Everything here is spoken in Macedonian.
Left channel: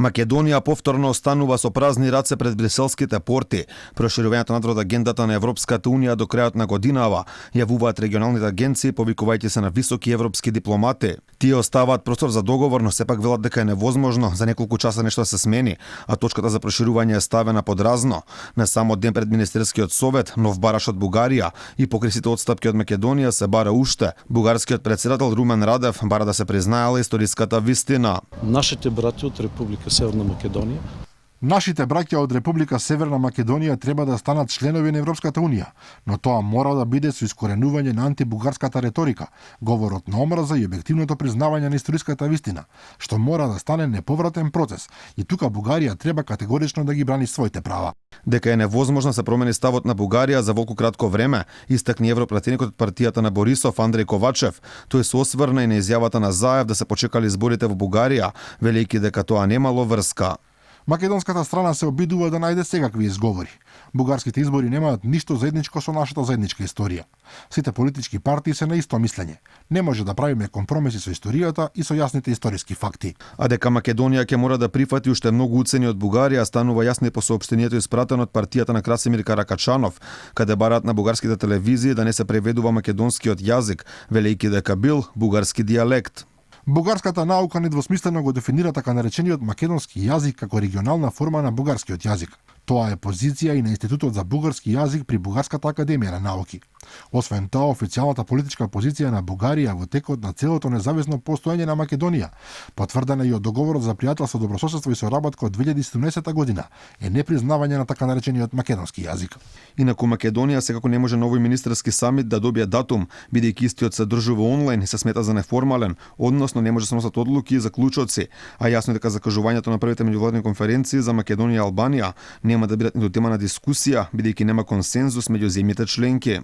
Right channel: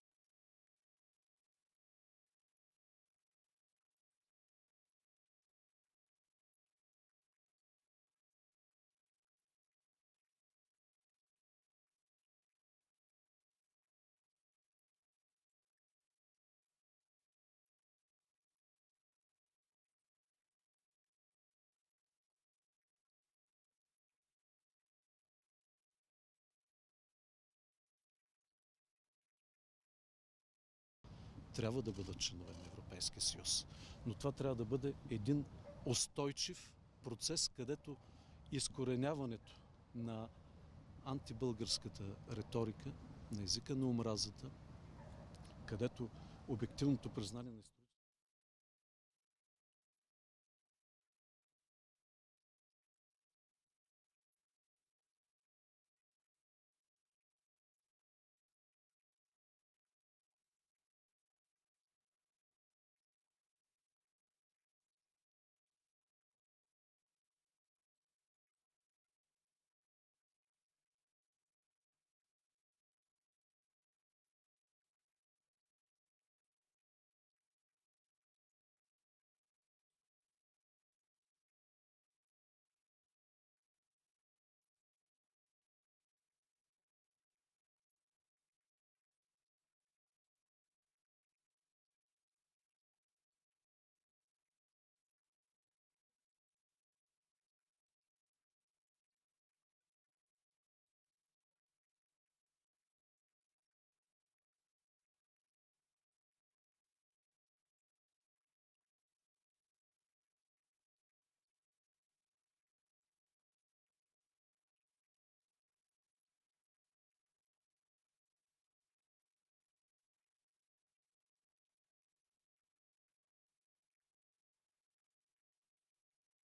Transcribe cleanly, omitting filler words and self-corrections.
Македонија повторно останува со празни раце пред бриселските порти. Проширувањето надвор од агендата на Европската унија до крајот на годинава, јавуваат регионалните агенции, повикувајќи се на високи европски дипломати. Тие оставаат простор за договор, но сепак велат дека е невозможно за неколку часа нешто да се смени, а точката за проширување е ставена под разно. На самот ден пред Министерскиот совет, нов бараш од Бугарија и покрисите отстапки од Македонија се бара уште. Бугарскиот претседател Румен Радев бара да се признаела историската вистина. Нашите брати од Република Северна Македонија. Нашите браќа од Република Северна Македонија треба да станат членови на Европската унија, но тоа мора да биде со искоренување на антибугарската реторика, говорот на омраза и објективното признавање на историската вистина, што мора да стане неповратен процес. И тука Бугарија треба категорично да ги брани своите права. Дека е невозможно се промени ставот на Бугарија за волку кратко време, истакни европратеникот од партијата на Борисов Андрей Ковачев. Тој се осврна и на изјавата на Заев да се почекали изборите во Бугарија, велејќи дека тоа немало врска. Македонската страна се обидува да најде секакви изговори. Бугарските избори немаат ништо заедничко со нашата заедничка историја. Сите политички партии се на исто мислење. Не може да правиме компромиси со историјата и со јасните историски факти. А дека Македонија ќе мора да прифати уште многу уцени од Бугарија станува јасно и по соопштението испратено од партијата на Красимир Каракачанов, каде бараат на бугарските телевизии да не се преведува македонскиот јазик, велејќи дека бил бугарски дијалект. Бугарската наука недвосмислено го дефинира така наречениот македонски јазик како регионална форма на бугарскиот јазик. Тоа е позиција и на Институтот за бугарски јазик при Бугарската академија на науки. Освен тоа, официјалната политичка позиција на Бугарија во текот на целото независно постоење на Македонија, потврдена и од договорот за пријателство, добрососедство и соработка од 2017 година, е непризнавање на така наречениот македонски јазик. Инаку Македонија секако не може новој министерски самит да добие датум, бидејќи истиот се одржува онлайн и се смета за неформален, односно не може да се носат одлуки и заклучоци, а јасно е дека закажувањето на првите меѓувладни конференции за Македонија и Албанија нема да бидат ниту тема на дискусија, бидејќи нема консензус меѓу земјите членки.